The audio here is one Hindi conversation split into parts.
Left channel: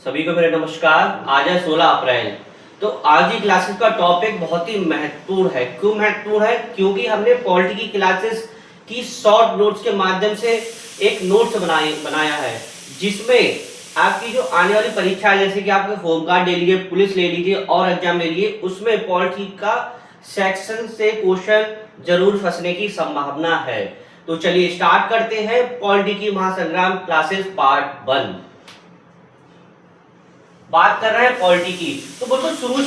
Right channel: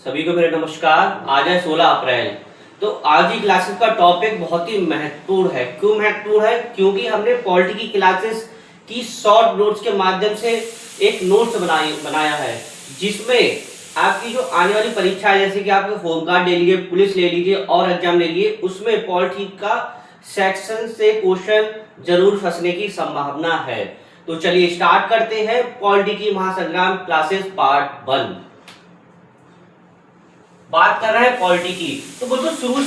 सभी को मेरा नमस्कार। आज है 16 अप्रैल। तो आज की क्लासेस का टॉपिक बहुत ही महत्वपूर्ण है। क्यों महत्वपूर्ण है? क्योंकि हमने पॉलिटी की क्लासेस की शॉर्ट नोट्स के माध्यम से एक नोट्स बनाया है, जिसमें आपकी जो आने वाली परीक्षा है, जैसे कि आपके होम गार्ड ले लीजिए, पुलिस ले लीजिए और एग्जाम ले लीजिए, उसमें पॉलिटी का सेक्शन से क्वेश्चन जरूर फंसने की संभावना है। तो चलिए स्टार्ट करते हैं पॉलिटी की महासंग्राम क्लासेस पार्ट 1। बात कर रहे हैं पॉलिटी की। तो बिल्कुल शुरू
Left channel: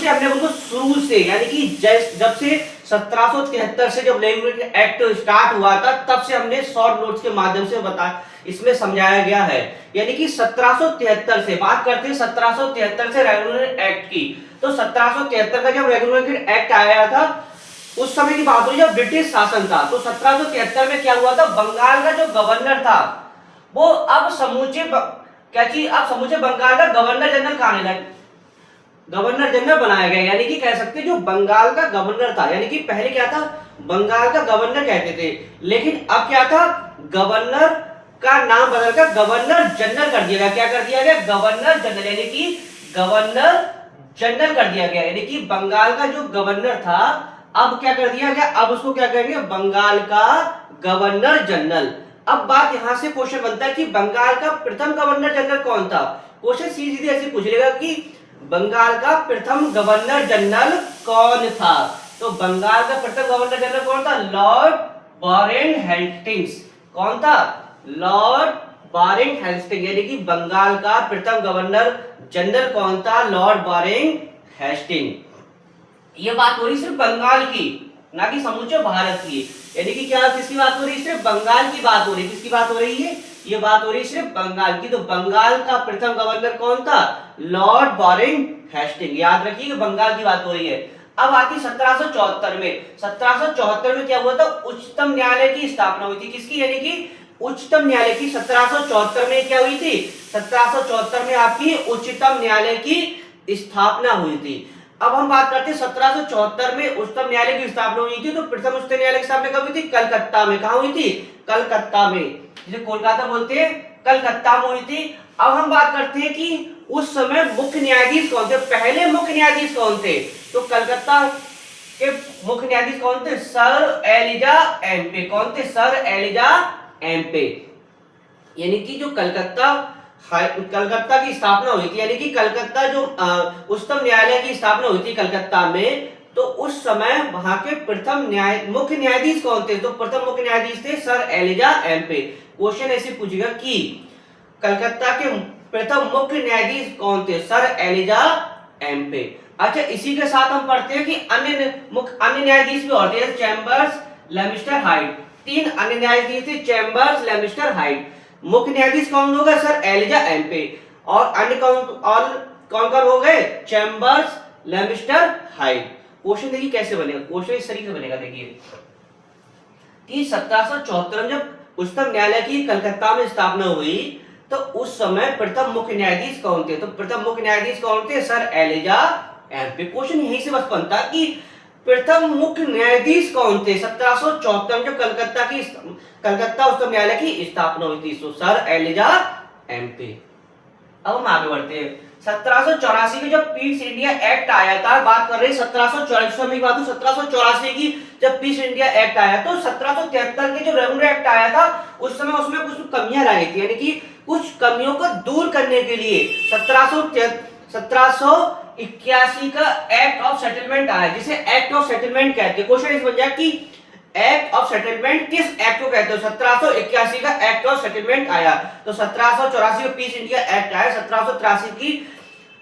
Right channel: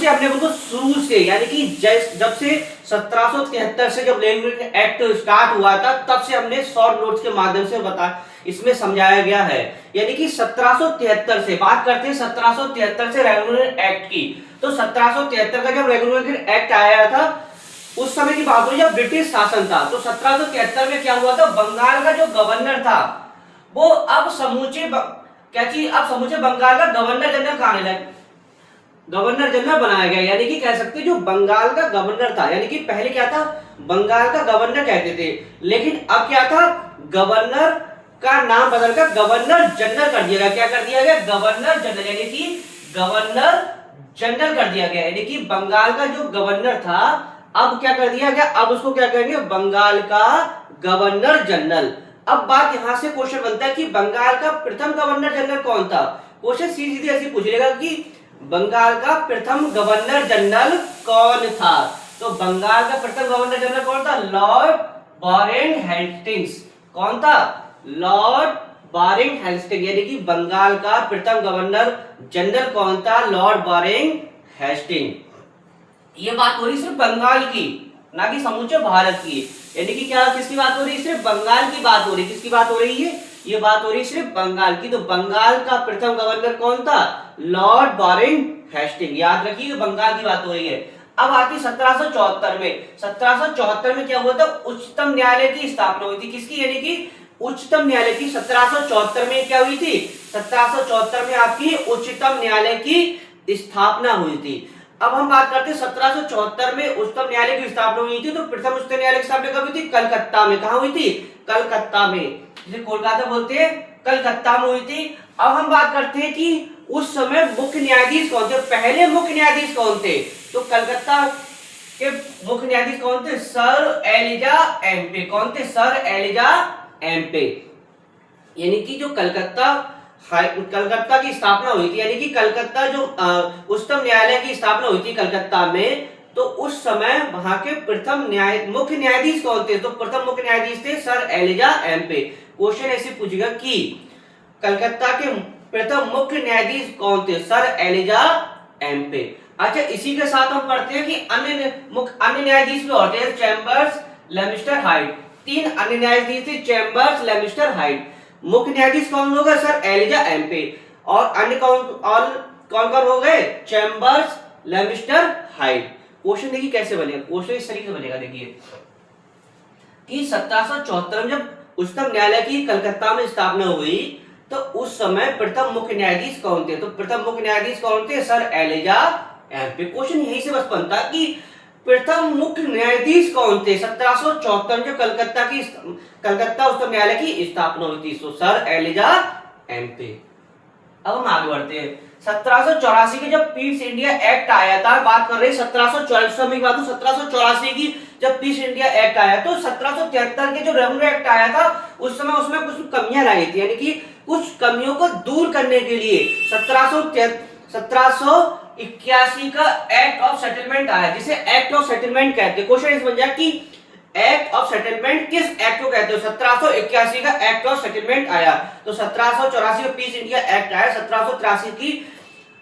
से यानी कि जब से 1773 से जब लैंग्वेज एक्ट स्टार्ट हुआ था, तब से हमने शॉर्ट नोट्स के माध्यम से इसमें समझाया गया है। यानी कि 1773 से बात करते हैं, 1773 से रेगुलर एक्ट की। तो 1773 का जब रेगुलर एक्ट आया था, उस समय की बात हो जब ब्रिटिश शासन था। तो 1773 में क्या हुआ था, बंगाल का जो गवर्नर था वो अब समूचे बंगाल का गवर्नर जनरल कहां लगा, गवर्नर जनरल बनाया गया। यानी कि कह सकते जो बंगाल का गवर्नर था, यानी कि पहले क्या था, बंगाल का गवर्नर कहते थे, लेकिन अब क्या था, गवर्नर का नाम बदलकर गवर्नर जनरल कर दिया गया। क्या कर दिया गया? गवर्नर जनरल, यानी कि गवर्नर जनरल कर दिया गया। यानी कि बंगाल का जो गवर्नर था, अब क्या कर दिया गया, अब उसको क्या करेंगे, बंगाल का गवर्नर जनरल। अब बात यहां से क्वेश्चन बनता है कि बंगाल का प्रथम गवर्नर जनरल कौन था। क्वेश्चन सीधे ऐसे पूछेगा कि बंगाल का प्रथम गवर्नर जनरल कौन था। तो बंगाल का प्रथम गवर्नर जनरल कौन था? Lord Warren Hastings. कौन था? Lord Warren Hastings. यानी कि बंगाल का प्रथम गवर्नर जनरल कौन था? Lord Warren Hastings. ये बात हो रही सिर्फ बंगाल की, ना कि समूचे भारत की। यानी कि क्या, किसकी बात हो रही है? सिर्फ बंगाल की बात हो रही है। किसकी बात हो रही है? ये बात हो रही है सिर्फ बंगाल की। तो बंगाल का प्रथम गवर्नर कौन था? Lord Warren Hastings. याद रखिए बंगाल की बात हो रही है। अब आती 1774 में। 1774 में क्या हुआ था, उच्चतम न्यायालय की स्थापना हुई थी। किसकी? यानी कि उच्चतम न्यायालय की। 1774 में क्या हुई थी? 1774 में आपकी उच्चतम न्यायालय की स्थापना हुई थी। अब हम बात करते हैं 1774 में उच्चतम न्यायालय की स्थापना हुई थी। तो प्रथम उच्चतम न्यायालय की स्थापना कब हुई थी? कलकत्ता में। कहां हुई थी? कलकत्ता में, जिसे कोलकाता बोलते हैं, कलकत्ता में हुई थी। अब हम बात करते हैं कि उस समय मुख्य न्यायाधीश कौन थे, पहले मुख्य न्यायाधीश कौन थे। तो कलकत्ता के मुख्य न्यायाधीश कौन थे? Sir Elijah Impey. कौन थे? Sir Elijah Impey. यानी कि जो कलकत्ता की स्थापना हुई थी, यानी कि कलकत्ता जो उच्चतम न्यायालय की स्थापना हुई थी कलकत्ता में, तो उस समय वहां के प्रथम मुख्य न्यायाधीश कौन थे? तो प्रथम मुख्य न्यायाधीश थे सर एलिजा एम्पे। क्वेश्चन ऐसे पूछेगा कि कलकत्ता के प्रथम मुख्य न्यायाधीश कौन थे? Sir Elijah Impey. अच्छा, इसी के साथ हम पढ़ते हैं कि अन्य न्यायाधीश भी और थे, चैम्बर्स, लेमिस्टर, हाइट। 3 अन्य न्यायाधीश थे, चैम्बर्स, लेमिस्टर, हाइट। मुख्य न्यायाधीश कौन होगा? Sir Elijah Impey. और अन्य कौन कौन हो गए? Chambers, लेमिस्टर, height. क्वेश्चन देखिए कैसे बनेगा। क्वेश्चन इस तरीके से बनेगा, देखिए कि 1774 में जब उच्चतम न्यायालय की कलकत्ता में स्थापना हुई, तो उस समय प्रथम मुख्य न्यायाधीश कौन थे? तो प्रथम मुख्य न्यायाधीश कौन थे? Sir Elijah Aamby. क्वेश्चन यही से बस बनता कि प्रथम मुख्य न्यायाधीश कौन थे 1774 में, जो कलकत्ता उच्चतम न्यायालय की स्थापना हुई थी। तो सर एलिजा एम्पे। अब हम आगे बढ़ते हैं। 1784 में जब पीस इंडिया एक्ट आया था, बात कर रहे हैं 1744 में बात, 1784 की जब पीस इंडिया एक्ट आया, तो 1773 के जो रेगुलर एक्ट आया था, उस समय उसमें कुछ कमियां लाई थी। यानी कि कुछ कमियों को दूर करने के लिए 1781 का एक्ट ऑफ सेटलमेंट आया, जिसे एक्ट ऑफ सेटलमेंट कहते हैं। क्वेश्चन इस बन जाए कि एक्ट ऑफ सेटलमेंट किस एक्ट को कहते हो? 1781 का एक्ट ऑफ सेटलमेंट आया। तो 1784 का पीस इंडिया एक्ट आया। 1783 की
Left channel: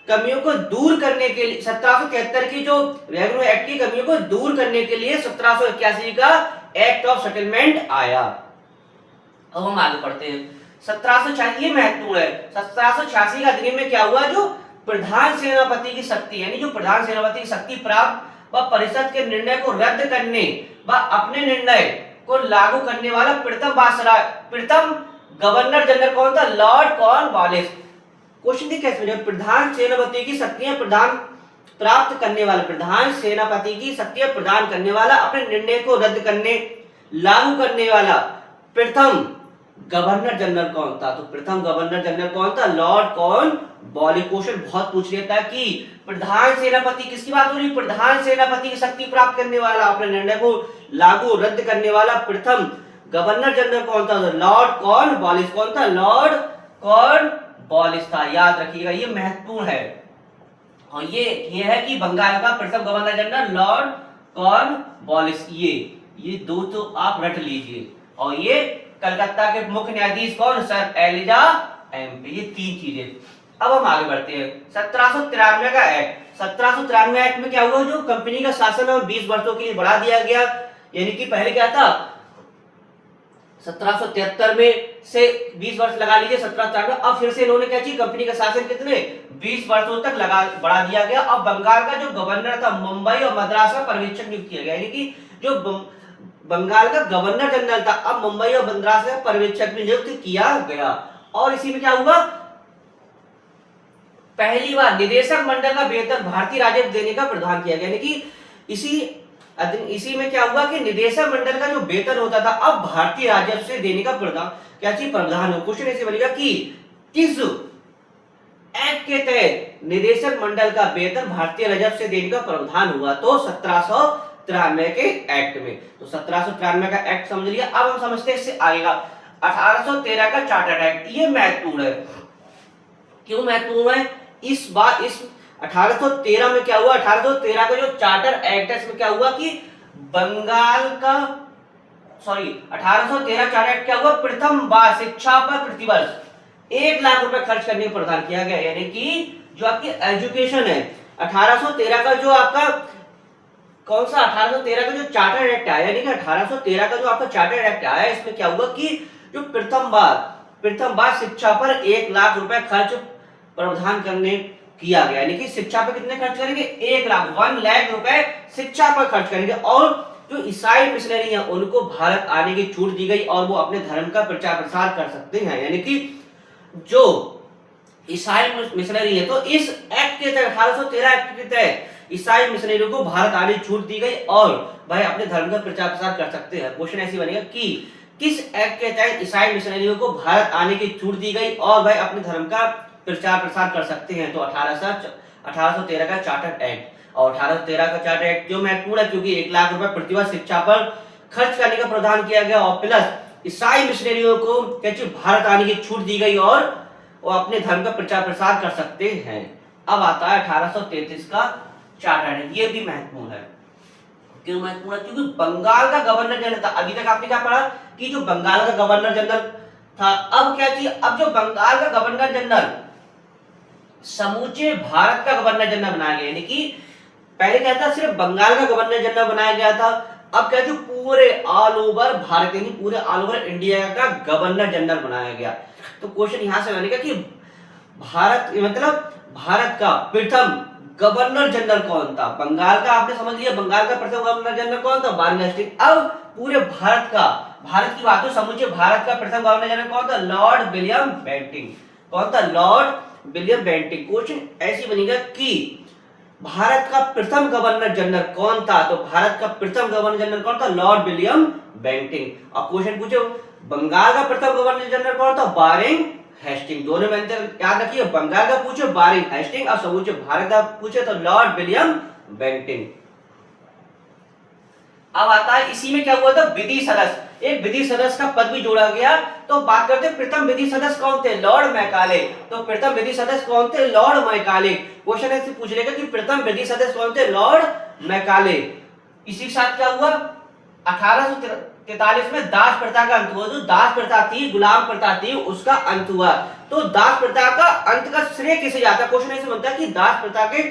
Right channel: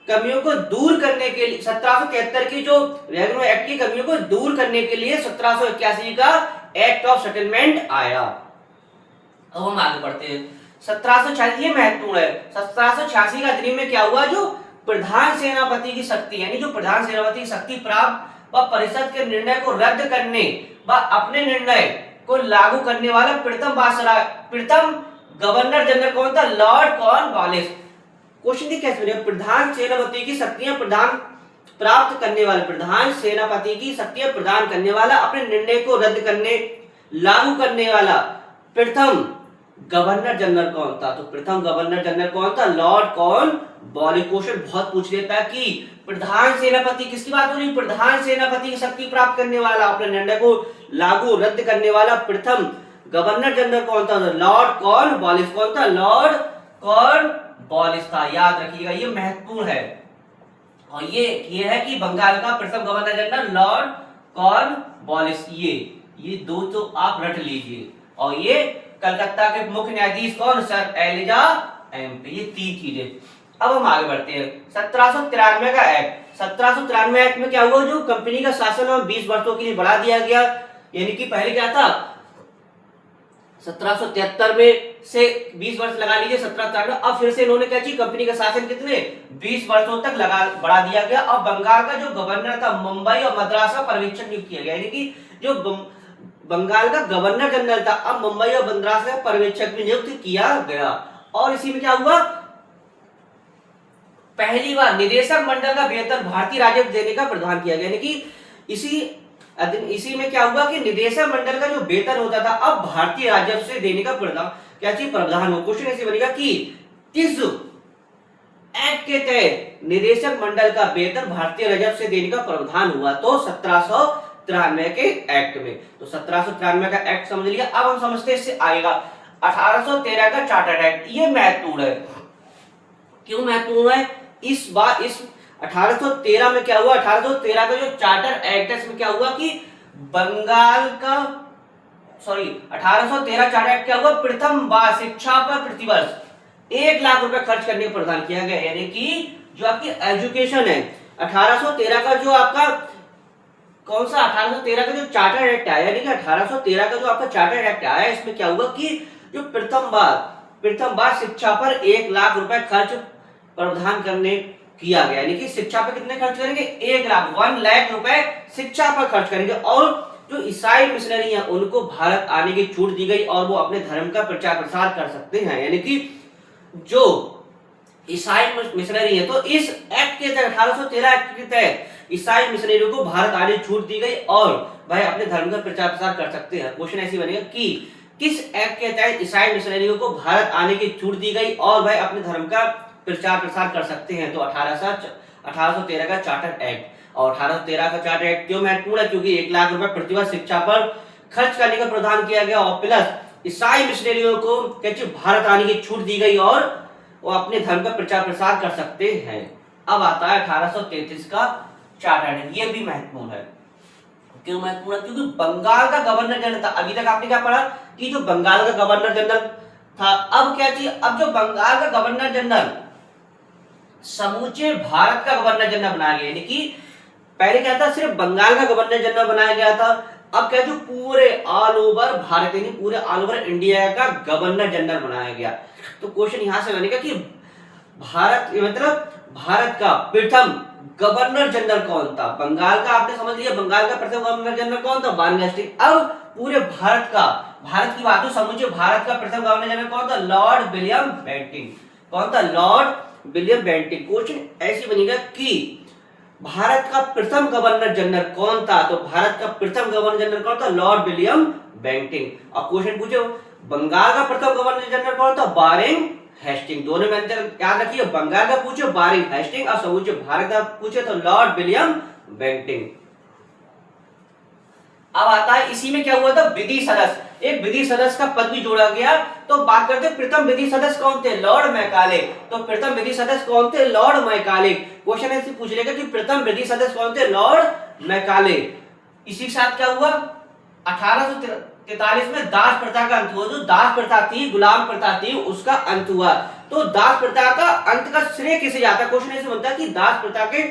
कमियों को दूर करने के लिए, 1773 की जो रेगुलर एक्ट की कमियों को दूर करने के लिए 1781 का एक्ट ऑफ सेटलमेंट आया। अब हम आगे बढ़ते हैं। 1786, ये महत्वपूर्ण है। 1786 का अधिनियम में क्या हुआ, जो प्रधान सेनापति की शक्ति, यानी जो प्रधान सेनापति की शक्ति प्राप्त व परिषद के निर्णय को रद्द करने व अपने निर्णय को लागू करने वाला प्रथम गवर्नर जनरल कौन था? Lord Cornwallis. क्वेश्चन देखिए कैसे बनेगा। प्रधान सेनापति की शक्तियां प्राप्त करने वाला, प्रधान सेनापति की शक्तियां प्रदान करने वाला, अपने निर्णय को रद्द करने लागू करने वाला प्रथम गवर्नर जनरल कौन था? तो प्रथम गवर्नर जनरल कौन था? Lord Cornwallis. क्वेश्चन बहुत पूछ लेता है कि प्रधान सेनापति, किसकी बात हो रही है? प्रधान सेनापति की शक्ति प्राप्त करने वाला, अपने निर्णय को लागू रद्द करने वाला प्रथम गवर्नर जनरल कौन था? Lord Cornwallis. कौन था? लॉर्ड कॉर्नवालिस था। याद रखिएगा, ये महत्वपूर्ण है। और ये है कि बंगाल का प्रथम गवर्नर जनरल लॉर्ड कॉर्नवालिस। ये दो तो आप रट लीजिए। और ये कलकत्ता के मुख्य न्यायाधीश कौन? Sir Elijah Impey. ये तीन चीजें। अब हम आगे बढ़ते हैं। 1793 का एक्ट। 1793 एक्ट में क्या हुआ? जो कंपनी का शासन और 20 वर्षों के लिए बढ़ा दिया गया। यानी कि पहले क्या था? 1773 में से 20 वर्ष लगा लीजिए 1793। अब फिर से इन्होंने क्या किया? कंपनी का शासन कितने 20 वर्षों तक बढ़ा दिया गया। अब बंगाल का जो गवर्नर था, मुंबई और मद्रास का पर्यवेक्षक नियुक्त किया गया। यानी कि जो बंगाल का गवर्नर जनरल था, अब मुंबई और मद्रास का पर्यवेक्षक भी नियुक्त किया गया। और इसी में क्या हुआ? पहली बार निदेशक मंडल का वेतन भारतीय राजस्व देने का प्रावधान किया गया। यानी कि इसी में क्या हुआ कि निदेशक मंडल का जो वेतन होता था, अब भारतीय राजस्व से देने का प्रावधान हो। क्वेश्चन ऐसे बनेगा कि किस एक्ट के तहत निदेशक मंडल का वेतन भारतीय राजस्व से देने का प्रावधान हुआ? तो 1793 के एक्ट में। तो 1793 का एक्ट समझ लिया। अब हम समझते हैं इससे आएगा 1813 का चार्टर एक्ट। ये महत्वपूर्ण है। क्यों महत्वपूर्ण है? इस 1813 में क्या हुआ? 1813 का जो चार्टर एक्ट है, इसमें क्या हुआ कि बंगाल का 1813 चार्टर एक्ट क्या हुआ? प्रथम बार शिक्षा पर प्रतिवर्ष 1 लाख रुपए खर्च करने का प्रावधान किया गया। यानी कि जो आपकी एजुकेशन है, 1813 का जो आपका कौन सा 1813 का जो चार्टर एक्ट आया, यानी कि 1813 का जो आपका चार्टर एक्ट आया, इसमें क्या हुआ कि जो प्रथम बार शिक्षा पर 1 लाख रुपए खर्च प्रावधान करने किया गया। यानी कि शिक्षा पर कितने खर्च करेंगे? 1 लाख रुपए शिक्षा पर खर्च करेंगे। और जो ईसाई मिशनरी हैं, उनको भारत आने की छूट दी गई और वो अपने धर्म का प्रचार प्रसार कर सकते हैं। यानी कि जो ईसाई मिशनरी है, तो इस एक्ट के तहत 1813 एक्ट के तहत ईसाई मिशनरियों को भारत आने की छूट दी गई और वह अपने धर्म का प्रचार प्रसार कर सकते हैं। क्वेश्चन ऐसी बनेगा कि किस एक्ट के तहत ईसाई मिशनरियों को भारत आने की छूट दी गई और वह अपने धर्म का प्रचार प्रसार कर सकते हैं? तो 1813 का चार्टर एक्ट। और 1813 का चार्टर एक्ट क्यों महत्वपूर्ण है? क्योंकि 1 लाख रुपए प्रतिवर्ष शिक्षा पर खर्च करने का प्रावधान किया गया और प्लस ईसाई मिशनरियों को भारत आने की छूट दी गई और वो अपने धर्म का प्रचार प्रसार कर सकते हैं। अब आता है 1833 का चार्टर एक्ट। ये भी महत्वपूर्ण है। क्यों महत्वपूर्ण है? क्योंकि बंगाल का गवर्नर जनरल था। अभी तक आपने क्या पढ़ा कि जो बंगाल का गवर्नर जनरल था, अब क्या चाहिए? अब जो बंगाल का गवर्नर जनरल समूचे भारत का गवर्नर जनरल बनाया गया। यानी कि पहले क्या था? सिर्फ बंगाल का गवर्नर जनरल बनाया गया था। अब क्या? जो पूरे ऑल ओवर भारत, यानी पूरे ऑल ओवर इंडिया का गवर्नर जनरल बनाया गया। तो क्वेश्चन यहां से बनेगा कि भारत का प्रथम गवर्नर जनरल कौन था? बंगाल का आपने समझ लिया, बंगाल का प्रथम गवर्नर जनरल कौन था? Warren Hastings. अब पूरे भारत की बात हो, समूचे भारत का प्रथम गवर्नर जनरल कौन था? Lord William Bentinck. कौन था? Lord William Bentinck. क्वेश्चन ऐसी बनेगा कि भारत का प्रथम गवर्नर जनरल कौन था? तो भारत का प्रथम गवर्नर जनरल कौन था? Lord William Bentinck. अब क्वेश्चन पूछो बंगाल का प्रथम गवर्नर जनरल कौन था? Warren Hastings. दोनों में अंतर याद रखिए, बंगाल का पूछे वारेन हेस्टिंग और समूचे भारत का पूछे तो लॉर्ड विलियम बेंटिंग। अब आता है इसी में क्या हुआ था? विधि सदस्य। एक विधि सदस्य का पद भी जोड़ा गया। तो बात करते हैं प्रथम विधि सदस्य कौन थे? Lord Macaulay. तो प्रथम विधि सदस्य कौन थे? Lord Macaulay. क्वेश्चन ऐसे पूछ लेगा कि प्रथम विधि सदस्य कौन थे? Lord Macaulay. इसी के साथ क्या हुआ? 1843 में दास प्रथा का अंत हुआ। जो दास प्रथा थी, गुलाम प्रथा थी, उसका अंत हुआ। तो दास प्रथा का अंत का श्रेय किसे जाता है? क्वेश्चन ऐसे बनता है कि दास प्रथा के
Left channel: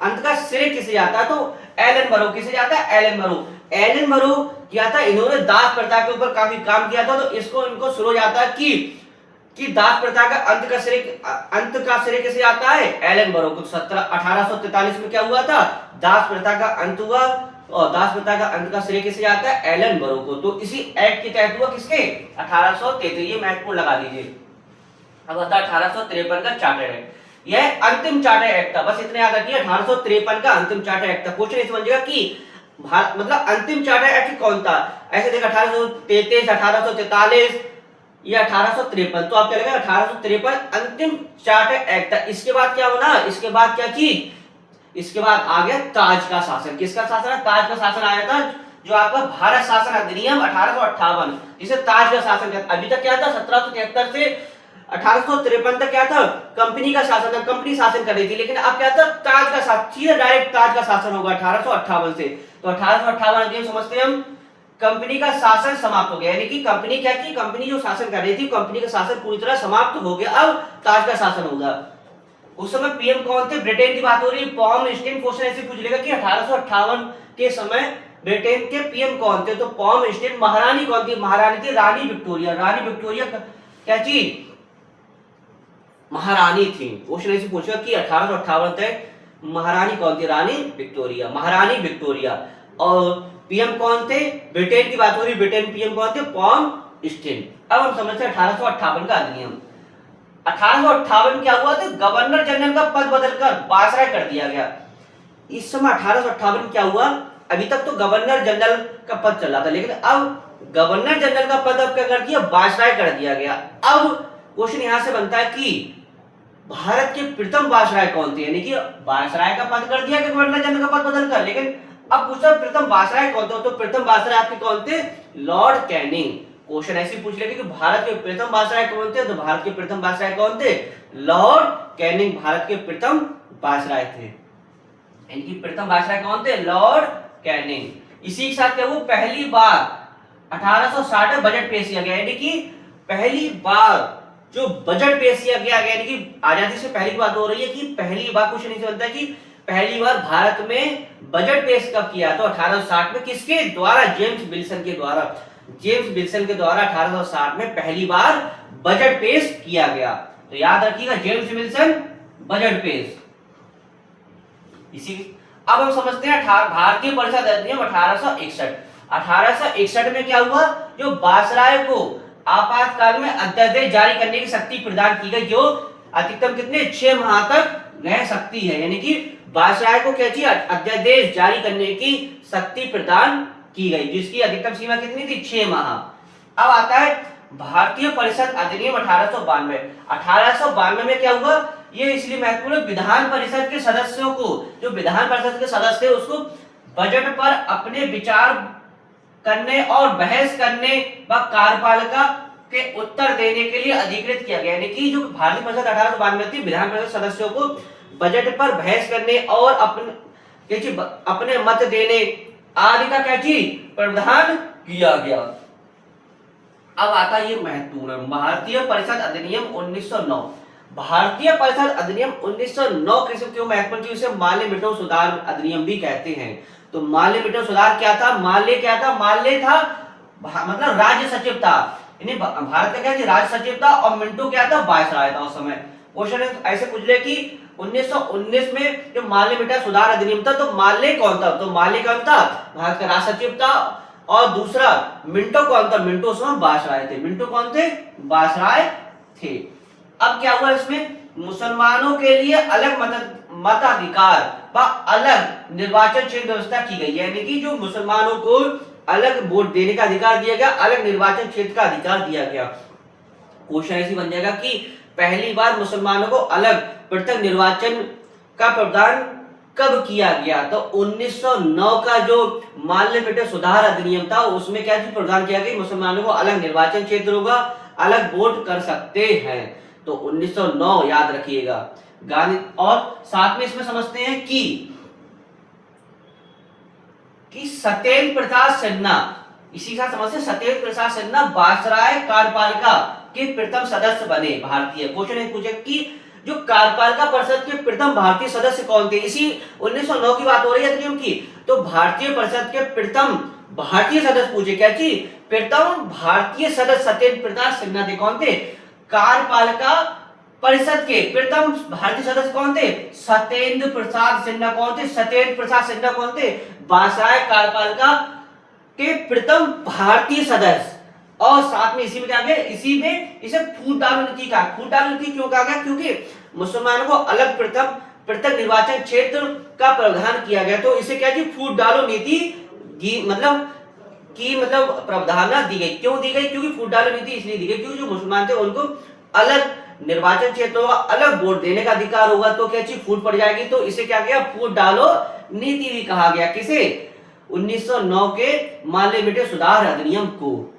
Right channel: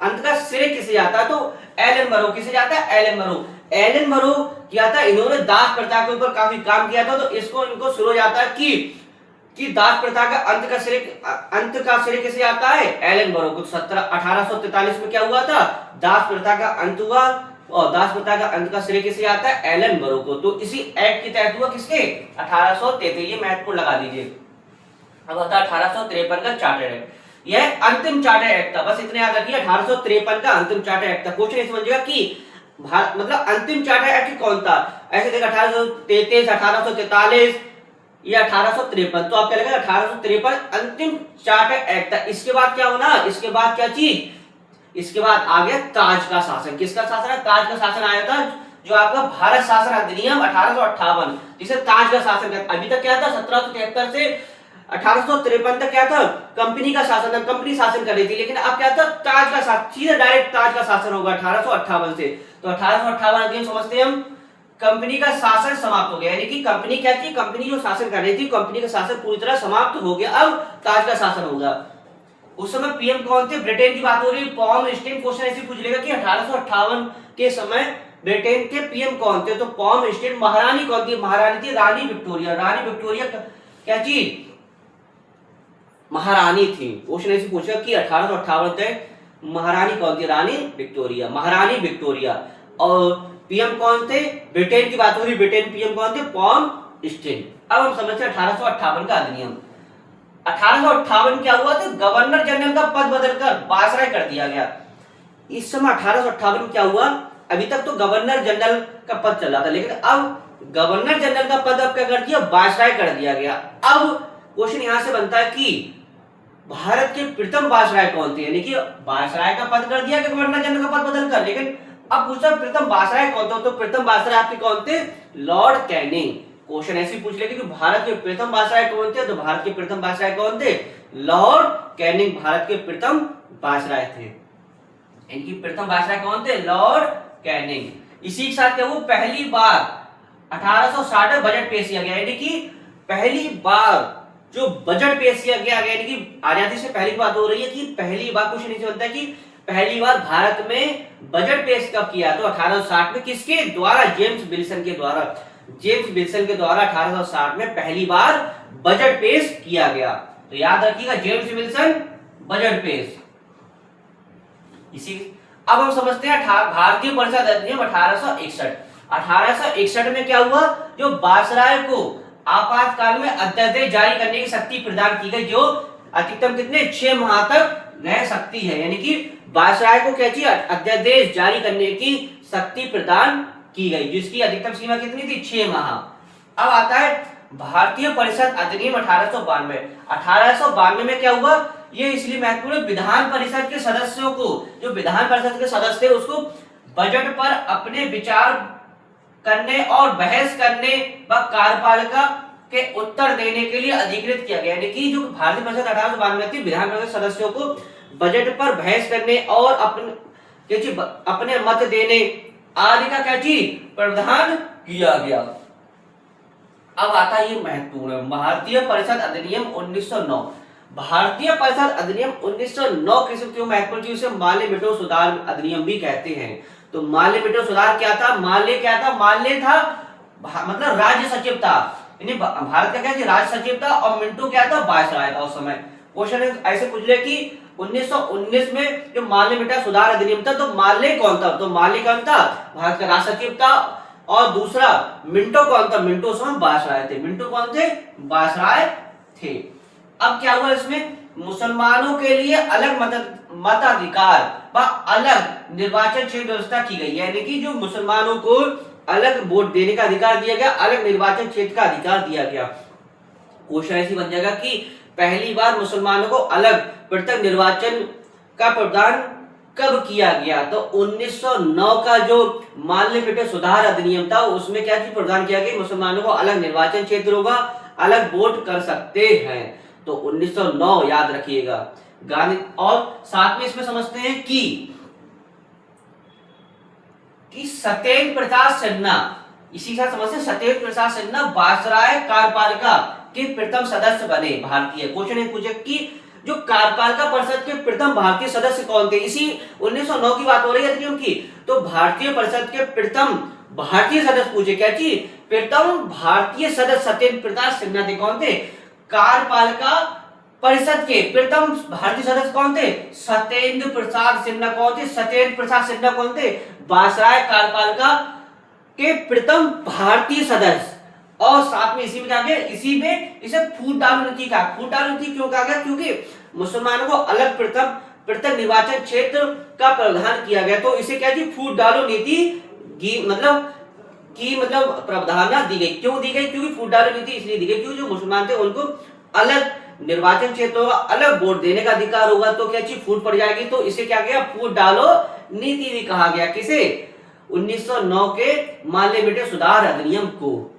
अंत का श्रेय किसे जाता है? तो एलन मरो। किसे जाता है? एलन मरो किया था। इन्होंने दास प्रथा के ऊपर काफी काम किया था। तो इनको शुरू जाता है कि दास प्रथा का अंत का श्रेय किसे आता है? एलन मरो को। 1843 में क्या हुआ था? दास प्रथा का अंत हुआ और दास प्रथा का अंत का श्रेय किसे आता है? एलन मरो को। तो इसी एक्ट के तहत हुआ। किसके? 1833। ये महत्वपूर्ण लगा दीजिए। अब आता है 1853 का चार्टर एक्ट। यह अंतिम चार्टर एक्ट था। बस इतना याद रखिए, 1853 का अंतिम चार्टर एक्ट था। क्वेश्चन इस समझिएगा कि मतलब अंतिम चार्टर एक्ट कौन था? ऐसे देखा 1833, 1843 ये 1853, तो आप क्या लिखेगा 1853 अंतिम चार्टर एक्ट था। इसके बाद क्या होना, इसके बाद क्या चीज, इसके बाद आ गया ताज का शासन। किसका शासन है, ताज का शासन आया था, जो आपका भारत शासन अधिनियम 1858, जिसे ताज का शासन कहते। अभी तक क्या था, 1773 से 1853 तक क्या था, कंपनी का शासन था, कंपनी शासन कर रही थी। लेकिन अब क्या था, ताज का शासन, सीधा डायरेक्ट ताज का शासन होगा 1858 से। तो 1858 अधिनियम समझते हैं हम, कंपनी का शासन समाप्त हो गया, यानी कि कंपनी क्या थी, कंपनी जो शासन कर रही थी, कंपनी का शासन पूरी तरह समाप्त हो गया, अब ताज का शासन होगा। उस समय पीएम कौन थे, ब्रिटेन की बात हो रही है, पॉम स्टीन। क्वेश्चन ऐसे पूछ लेगा कि 1858 के समय ब्रिटेन के पीएम कौन थे, तो पॉम स्टीन। महारानी कौन थी, महारानी थी रानी विक्टोरिया। रानी विक्टोरिया क्या चीज, महारानी थी। क्वेश्चन ऐसे पूछेगा कि 1858 तक महारानी कौन थी, रानी विक्टोरिया, महारानी विक्टोरिया। और पीएम कौन थे, ब्रिटेन की बात हो रही, ब्रिटेन पीएम कौन थे, पॉम स्टीन। अब हम समझते हैं 1858 का अधिनियम। 1858 क्या हुआ था, गवर्नर जनरल का पद बदलकर वायसराय कर दिया गया। इस समय 1858 क्या हुआ, अभी तक तो गवर्नर जनरल का पद चल रहा था, लेकिन अब गवर्नर जनरल का पद अब क्या कर दिया, वायसराय कर दिया गया। अब क्वेश्चन यहां से बनता है कि भारत के प्रथम वायसराय कौन थे, यानी कि वायसराय का पद कर दिया कि गवर्नर जनरल का पद बदलकर, लेकिन अब पूछा प्रथम वायसराय कौन था, तो प्रथम वायसराय आपके कौन थे, लॉर्ड कैनिंग। क्वेश्चन ऐसे पूछ लेगा कि भारत के प्रथम वायसराय कौन थे, तो भारत के प्रथम वायसराय कौन थे, लॉर्ड कैनिंग भारत के प्रथम वायसराय थे। इनकी प्रथम वायसराय कौन थे, लॉर्ड कैनिंग। इसी के साथ क्या वो पहली बार 1860 में बजट पेश किया गया, यानी कि पहली बार जो बजट पेश किया गया, यानी कि आजादी से पहले की बात हो रही है कि पहली बार, कुछ नहीं बनता कि पहली बार भारत में बजट पेश कब किया, तो 1860 में। किसके द्वारा, जेम्स विल्सन के द्वारा। जेम्स विल्सन के द्वारा 1860 में पहली बार बजट पेश किया गया। तो याद रखिएगा, जेम्स विल्सन बजट पेश। इसी अब हम समझते हैं भारतीय परिषद अधिनियम 1861। 1861 में क्या हुआ, जो वायसराय को आपातकाल में अध्यादेश जारी करने की शक्ति प्रदान की गई, जो अधिकतम कितने 6 माह तक रह सकती है, यानी कि वायसराय को क्या चाहिए, अध्यादेश जारी करने की शक्ति प्रदान की गई, जिसकी अधिकतम सीमा कितनी थी, 6 माह। अब आता है भारतीय परिषद अधिनियम 1892। 1892 में क्या हुआ, ये इसलिए महत्वपूर्ण, विधान परिषद के सदस्यों को, जो विधान परिषद के सदस्य थे, उसको बजट पर अपने विचार करने और बहस करने व कार्यपालिका के उत्तर देने के लिए अधिकृत किया गया, यानी कि जो भारतीय परिषद 1892 थी, विधान परिषद सदस्यों को बजट पर बहस करने और अपने मत देने आदि का क्या चीज प्रावधान किया गया। अब आता है ये महत्वपूर्ण, भारतीय परिषद अधिनियम 1909। भारतीय परिषद अधिनियम 1909 किस्म क्यों महत्वपूर्ण चीज, उसे माल्य मिटो सुधार अधिनियम भी कहते हैं। तो माल्य मिटो सुधार क्या था, माल्य क्या था, माल्य था मतलब राज्य सचिव था, यानी भारत का क्या था, राज्य सचिव था, और मिंटो क्या था, वायसराय था उस समय। क्वेश्चन ऐसे पूछ ले कि 1919 में जो माल्य मिटा सुधार अधिनियम था, तो माल्य कौन था, तो माल्य कौन था, भारत का राज्य सचिव था, और दूसरा मिंटो कौन था, मिंटो उस समय वायसराय थे। मिंटो कौन थे, वायसराय थे। अब क्या हुआ, इसमें मुसलमानों के लिए अलग मताधिकार व अलग निर्वाचन क्षेत्र व्यवस्था की गई, यानी कि जो मुसलमानों को अलग वोट देने का अधिकार दिया गया, अलग निर्वाचन क्षेत्र का अधिकार दिया गया। क्वेश्चन ऐसी बन जाएगा कि पहली बार मुसलमानों को अलग पृथक निर्वाचन का प्रावधान कब किया गया, तो 1909 का जो माल्य मिटो सुधार अधिनियम था, उसमें क्या चीज प्रावधान किया गया, मुसलमानों को अलग निर्वाचन क्षेत्र होगा, अलग वोट कर सकते हैं। तो 1909 याद रखिएगा गांधी। और साथ में इसमें समझते हैं कि सत्येंद्र प्रसाद सिन्हा, इसी का समझते हैं, सत्येंद्र प्रसाद सिन्हा वायसराय कार्यपालिका के प्रथम सदस्य बने भारतीय। क्वेश्चन पूछे कि जो कार्यपालिका परिषद के प्रथम भारतीय सदस्य कौन थे, इसी 1909 की बात हो रही है अधिनियम की। तो भारतीय परिषद के प्रथम भारतीय सदस्य पूछे, क्या चीज, प्रथम भारतीय सदस्य सत्येंद्र प्रसाद सिन्हा थे। कौन थे, कार्यपालिका परिषद के प्रथम भारतीय सदस्य कौन थे, सत्येंद्र प्रसाद सिन्हा। कौन थे, सत्येंद्र प्रसाद सिन्हा कौन थे, वायसराय कार्यपालिका के प्रथम भारतीय सदस्य। और साथ में इसी में क्या गया, इसी में इसे फूट डालो नीति कहा। फूट डालो नीति क्यों कहा गया, क्योंकि मुसलमानों को अलग पृथक निर्वाचन क्षेत्र का प्रावधान किया गया, तो इसे क्या जी, फूट डालो नीति मतलब की मतलब प्रावधान दी गई। क्यों दी गई? क्योंकि फूट डालो नीति इसलिए दी गई क्योंकि जो मुसलमान थे उनको अलग निर्वाचन क्षेत्रों का अलग वोट देने का अधिकार होगा, तो क्या चीज फूट पड़ जाएगी, तो इसे क्या किया, फूट डालो नीति भी कहा गया। किसे? 1909 के माल्य बेटे सुधार अधिनियम को।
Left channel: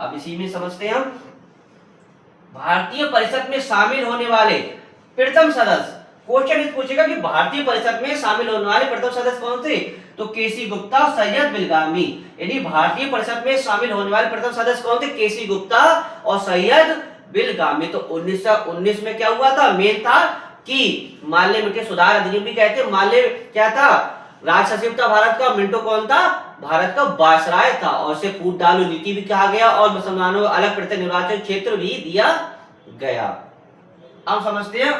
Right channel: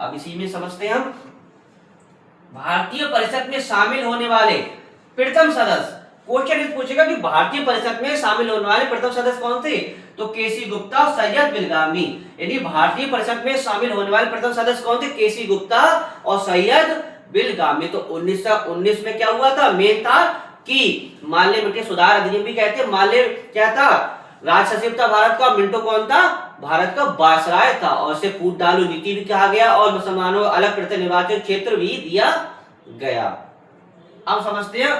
अब इसी में समझते हैं हम भारतीय परिषद में शामिल होने वाले प्रथम सदस्य। क्वेश्चन इस पूछेगा कि भारतीय परिषद में शामिल होने वाले प्रथम सदस्य कौन थे, तो केसी गुप्ता, सैयद बिलगामी। यानी भारतीय परिषद में शामिल होने वाले प्रथम सदस्य कौन थे, केसी गुप्ता और सैयद बिलगामी। तो 1919 में क्या हुआ था, मेन था कि माल्य बेटे सुधार अधिनियम भी कहते हैं। माल्य क्या था, राज सचिव था भारत का। मिंटो कौन था, भारत का वायसराय था। और इसे फूट डालो नीति भी कहा गया और मुसलमानों को अलग प्रत्येक निर्वाचन क्षेत्र भी दिया गया। अब समझते हैं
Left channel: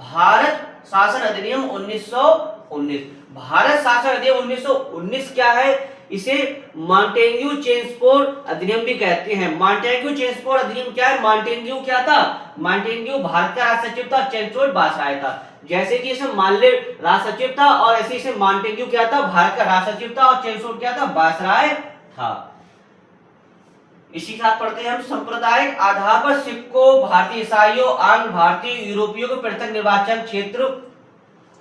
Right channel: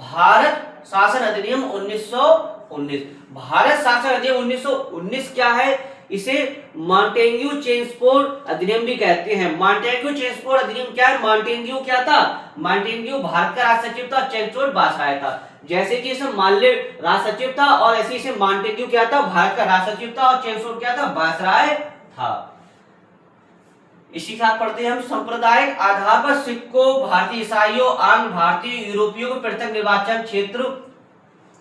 भारत शासन अधिनियम 1919। भारत शासन अधिनियम 1919 क्या है, इसे मॉन्टेग्यू चेम्सफोर्ड अधिनियम भी कहते हैं। मॉन्टेग्यू चेम्सफोर्ड अधिनियम क्या है, मॉन्टेग्यू क्या था, मॉन्टेग्यू भारत का राज सचिव था, चेम्सफोर्ड वायसराय था। जैसे कि इसमें माल्य राज सचिव था और ऐसे इसे मॉन्टेग्यू क्या था, भारत का राज सचिव था, और चेम्सफोर्ड क्या था, वायसराय था। इसी के साथ पढ़ते हैं हम सांप्रदायिक आधार पर सिखों, भारतीय ईसाइयों, आंग्ल भारतीय यूरोपियों को पृथक निर्वाचन क्षेत्र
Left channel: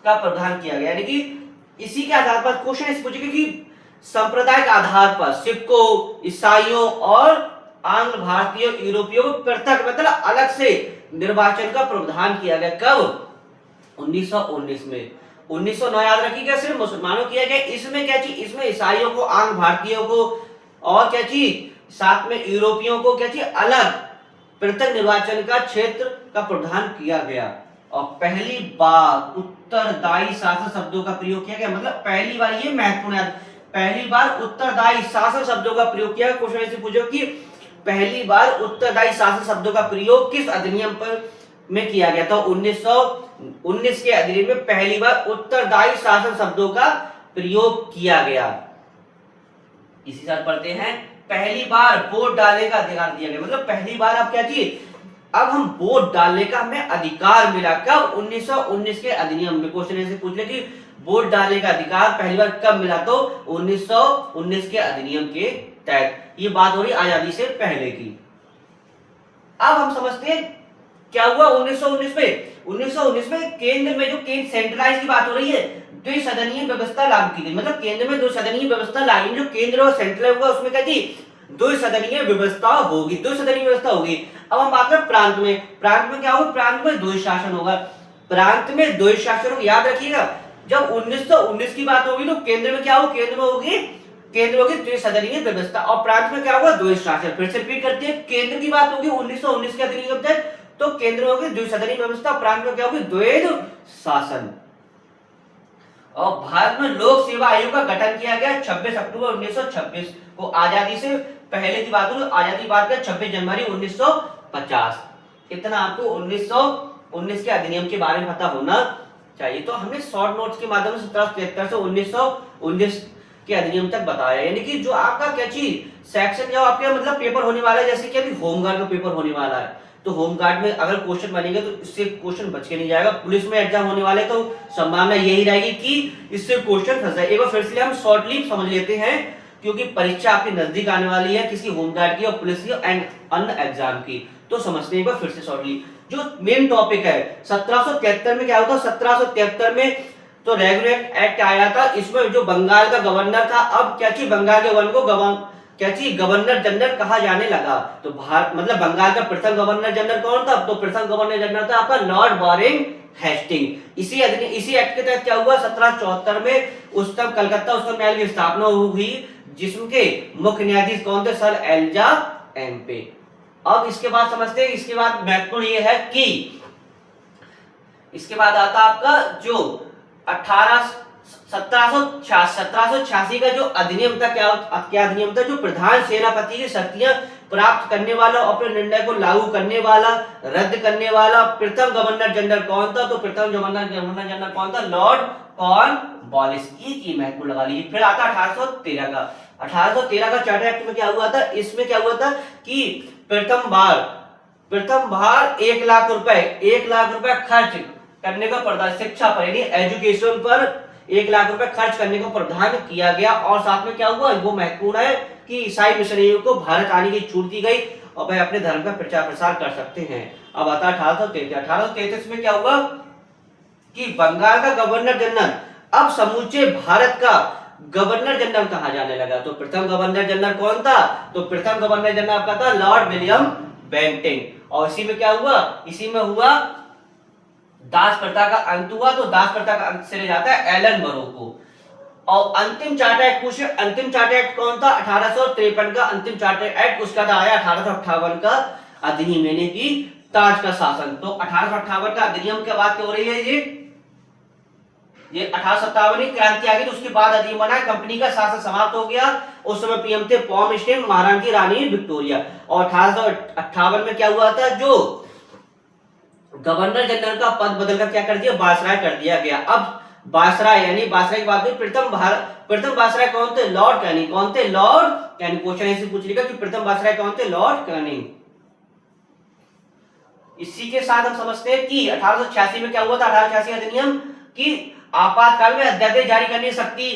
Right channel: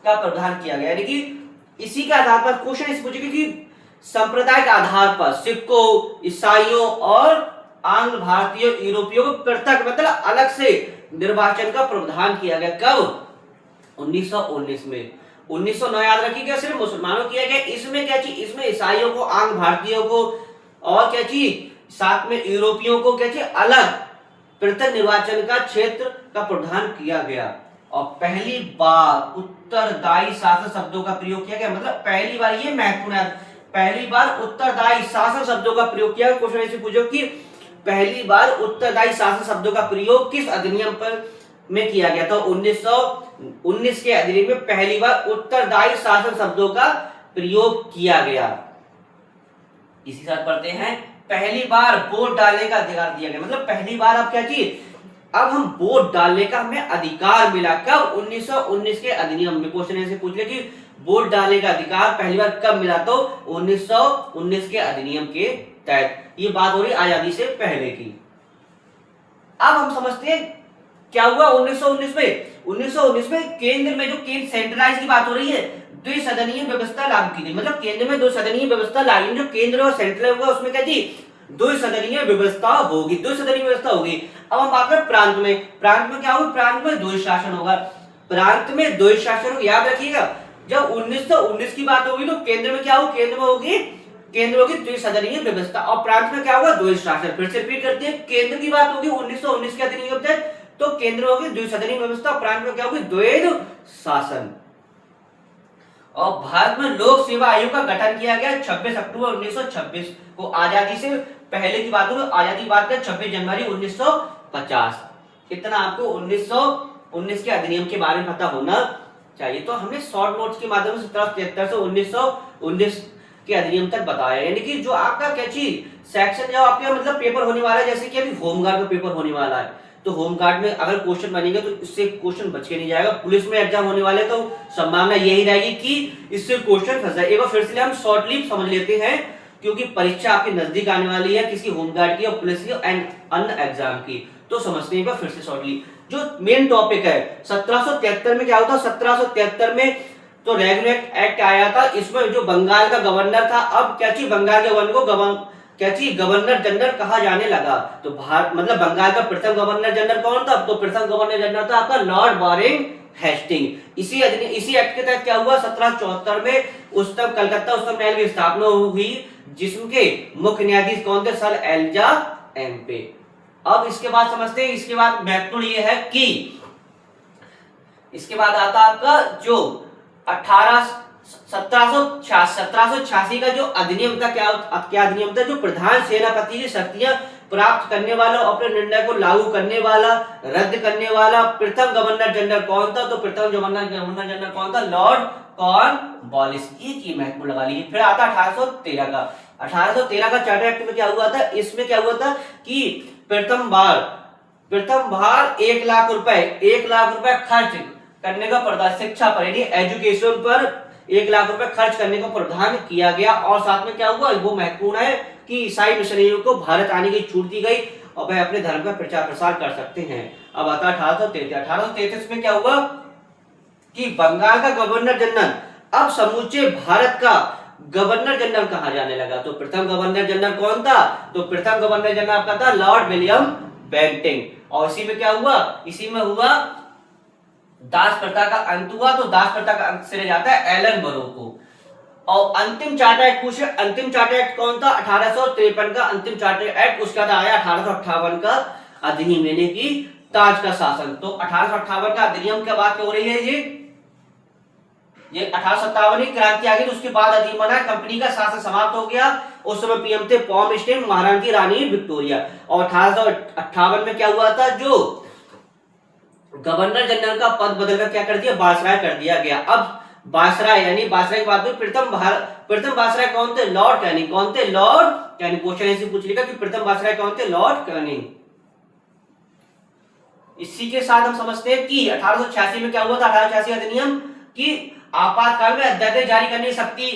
का प्रावधान किया गया। यानी कि इसी के आधार पर क्वेश्चन इस पूछेगा कि सांप्रदायिक आधार पर सिखों, ईसाइयों और आंग्ल भारतीय यूरोपियों को पृथक मतलब अलग से निर्वाचन का प्रावधान किया गया। कब? 1919 में। 1909 याद रखिएगा सिर्फ मुसलमानों किया गया। इसमें क्या चीज, इसमें ईसाइयों को, आंग्ल भारतीयों को और क्या चीज, साथ में यूरोपियों को क्या चीज, अलग पृथक निर्वाचन का क्षेत्र का प्रावधान किया गया। और पहली बार उत्तरदायी शासन शब्दों का प्रयोग किया गया। मतलब पहली बार, ये महत्वपूर्ण है, पहली बार उत्तरदायी शासन शब्दों का प्रयोग किया। क्वेश्चन ऐसे पूछो कि पहली बार उत्तरदायी शासन शब्दों का प्रयोग किस अधिनियम पर में किया गया था। 1919 के अधिनियम में पहली बार उत्तरदायी शासन शब्दों का प्रयोग किया गया। इसी साथ पढ़ते हैं पहली बार वोट डालने का अधिकार दिया गया। मतलब पहली बार अब क्या चीज, अब हम वोट डालने का हमें अधिकार मिला। कब? 1919 के अधिनियम में। क्वेश्चन ऐसे पूछ ले कि वोट डालने का अधिकार पहली बार कब मिला, तो 1919 के अधिनियम के तहत। ये बात हो रही आजादी से पहले की। अब हम समझते हैं क्या हुआ 1919 में। 1919 में केंद्र में जो केंद्र सेंट्रलाइज की बात हो रही है, द्विसदनीय व्यवस्था लागू की गई। मतलब केंद्र में द्विसदनीय व्यवस्था लागू, जो केंद्र और सेंट्रल होगा उसमें क्या थी, द्विसदनीय व्यवस्था होगी, द्विसदनीय व्यवस्था होगी। अब हम बात करें प्रांत में। प्रांत में क्या होगा, प्रांत में द्वैत शासन होगा। प्रांत में द्वैत शासन होगा, याद रखिएगा। जब 1919 की बात होगी तो केंद्र में क्या होगा, केंद्र में होगी द्विसदनीय व्यवस्था और प्रांत में क्या होगा, द्वैत शासन। फिर से रिपीट करते हैं, केंद्र की बात होगी 1919 के अधिनियम के तहत तो केंद्र में होगी द्विसदनीय व्यवस्था, प्रांत में क्या होगी, द्वैत शासन। और भारत में लोक सेवा आयोग का गठन किया गया 26 अक्टूबर 1926 को। आजादी से पहले की बात हो तो आजादी बाद का 26 जनवरी 1950। इतना आपको 1919 के अधिनियम के बारे में पता होना चाहिए। तो हमने शॉर्ट नोट्स के माध्यम से 1773 से 1919 के अधिनियम तक बताया। यानी कि जो आपका क्या चीज सेक्शन जो आपके मतलब पेपर होने वाला है, जैसे कि अभी होमगार्ड का पेपर होने वाला है, तो होमगार्ड में अगर क्वेश्चन बनेंगे तो इससे क्वेश्चन बच के नहीं जाएगा। पुलिस में एग्जाम होने वाले तो संभावना यही रहेगी कि इससे क्वेश्चन फंस जाए। एक बार फिर से हम शॉर्टली समझ लेते हैं, क्योंकि परीक्षा आपके नजदीक आने वाली है, किसी होमगार्ड की और पुलिस की एंड अन्य एग्जाम की, तो समझते हैं एक बार फिर से शॉर्टली। जो मेन टॉपिक है 1773 में क्या होता है, 1773 में तो रेगुलेट एक्ट आया था। इसमें जो बंगाल का गवर्नर था, अब क्या चीज बंगाल के गवर्नर को क्या चीज गवर्नर जनरल कहा जाने लगा। तो भारत मतलब बंगाल का प्रथम गवर्नर जनरल कौन था, तो प्रथम गवर्नर जनरल था आपका लॉर्ड वारेन हेस्टिंग। इसी एक्ट के तहत क्या हुआ, 1774 में उच्चतम कलकत्ता उच्चतम न्यायालय की स्थापना हुई, जिसके मुख्य न्यायाधीश कौन थे, सर एलिजा एम्पे। अब इसके बाद समझते हैं, इसके बाद महत्वपूर्ण ये है कि इसके बाद आता आपका जो 1786 का जो अधिनियम था, क्या अधिनियम था, जो प्रधान सेनापति की शक्तियां प्राप्त करने वाला, अपने निर्णय को लागू करने वाला, रद्द करने वाला प्रथम गवर्नर जनरल कौन था, तो प्रथम गवर्नर जनरल कौन था, लॉर्ड कॉर्नवालिस। की महत्वपूर्ण लगा लीजिए। फिर आता 1813 का। 1813 का चार्टर एक्ट में क्या हुआ था, इसमें क्या हुआ था कि प्रथम बार 1 लाख रुपए खर्च करने का प्रावधान, शिक्षा पर यानी एजुकेशन पर 1 लाख रुपए खर्च करने का प्रावधान किया गया। और साथ में क्या हुआ, वो महत्वपूर्ण है, कि ईसाई मिशनरियों को भारत आने की छूट दी गई और वह अपने धर्म का प्रचार प्रसार कर सकते हैं। अब आता 1833 में क्या हुआ कि बंगाल का गवर्नर जनरल अब समूचे भारत का गवर्नर जनरल कहा जाने लगा। तो प्रथम गवर्नर जनरल कौन था? तो प्रथम गवर्नर जनरल आपका था लॉर्ड विलियम बेंटिंग। और इसी में क्या हुआ? इसी में हुआ दास प्रथा का अंत हुआ। तो दास प्रथा का अंत से जाता है एलन बरो को। और अंतिम चार्टर एक्ट पूछे, अंतिम चार्टर एक्ट कौन था? 1853 का अंतिम चार्टर एक्ट, उसका था आया 1858 का अधिनियम यानी कि ताज का शासन। तो 1858 का अधिनियम क्या बात हो रही है? ये 1857 की क्रांति आ गई, तो उसके बाद अधिनियम बना, कंपनी का शासन समाप्त हो गया। उस समय पीएम थे पॉम स्टेन, महारानी की रानी विक्टोरिया। और 1858 में क्या हुआ था? जो गवर्नर जनरल का पद बदलकर क्या कर दिया? वायसराय कर दिया गया। अब वायसराय यानी वायसराय की बात हुई, प्रथम वायसराय कौन थे? Lord Canning. कौन थे? Lord Canning. क्वेश्चन ऐसे पूछ लिया कि प्रथम वायसराय कौन थे? Lord Canning. इसी के साथ हम समझते हैं कि 1886 में क्या हुआ था? 1886 अधिनियम की आपातकाल में अध्यादेश जारी करने की शक्ति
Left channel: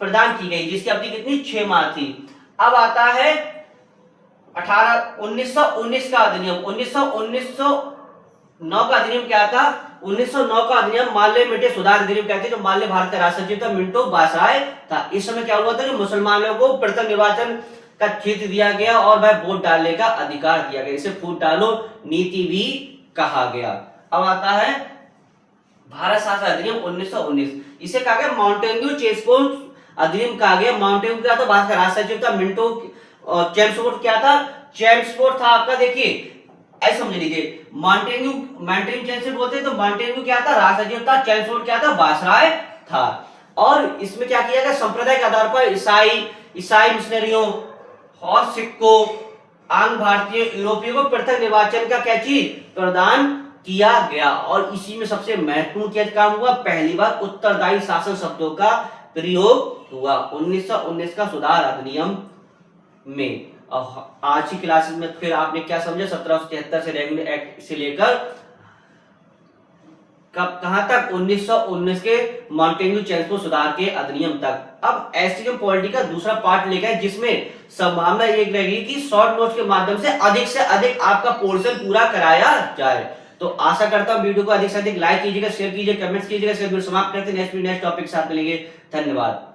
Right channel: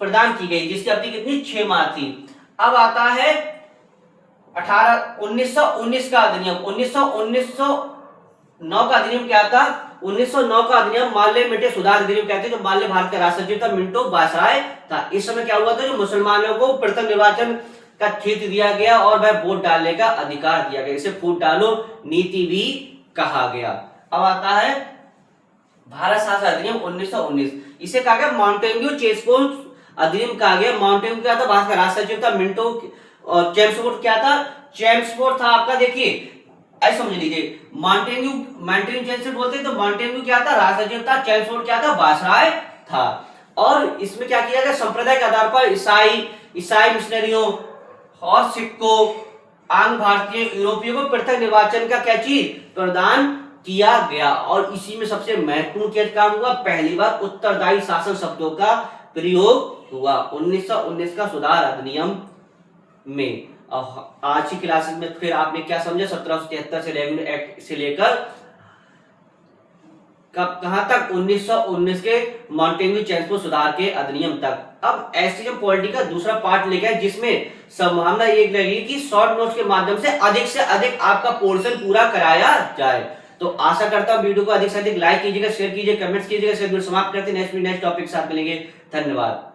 प्रदान की गई, जिसकी अवधि कितनी? 6 माह थी। अब आता है 1919 का अधिनियम। 1909 का अधिनियम क्या था? 1909 का अधिनियम माल्य मिंटो सुधार अधिनियम कहते हैं, जो माल्य भारत का राष्ट्र सचिव था मिंटो वायसराय था। इस समय क्या हुआ था? जो मुसलमानों को प्रथम निर्वाचन का क्षेत्र दिया गया और वह वोट डालने का अधिकार दिया गया। इसे फूट डालो नीति भी कहा गया। अब आता है भारत शासन अधिनियम 1919। इसे कहा गया माउंटेन्यू चेम्सफोर्ड अधिनियम कहा गया। माउंटेन्यू क्या था? भारत का राष्ट्र सचिव था मिंटो। और चेम्सफोर्ड क्या था? चेम्सफोर्ड था आपका, देखिए ऐसे समझ लीजिए, माउंटेन्यू चेम्सफोर्ड बोलते हैं, तो माउंटेन्यू क्या था? राष्ट्र सचिव था। चेम्सफोर्ड क्या था? वायसराय था। और इसमें क्या किया गया? संप्रदाय के आधार पर ईसाई मिशनरियों और सिखों, आंग्ल भारतीय, यूरोपियों को पृथक निर्वाचन का क्या चीज प्रदान किया गया। और इसी में सबसे महत्वपूर्ण क्या काम हुआ? पहली बार उत्तरदायी शासन शब्दों का प्रयोग हुआ 1919 का सुधार अधिनियम में। आज की क्लासेस में फिर आपने क्या समझा? 1773 से रेगुलर एक्ट से लेकर कहां तक? 1919 के माउंटेन्यू चेम्सफोर्ड सुधार के अधिनियम तक। अब एसटीएम पॉलिटी का दूसरा पार्ट लेकर है, जिसमें संभावना ये लगी कि शॉर्ट नोट्स के माध्यम से अधिक आपका पोर्शन पूरा कराया जाए। तो आशा करता हूं वीडियो को अधिक से अधिक लाइक कीजिएगा, शेयर कीजिएगा, कमेंट्स कीजिएगा। समाप्त करते हैं, नेक्स्ट टॉपिक के साथ मिलेंगे। धन्यवाद।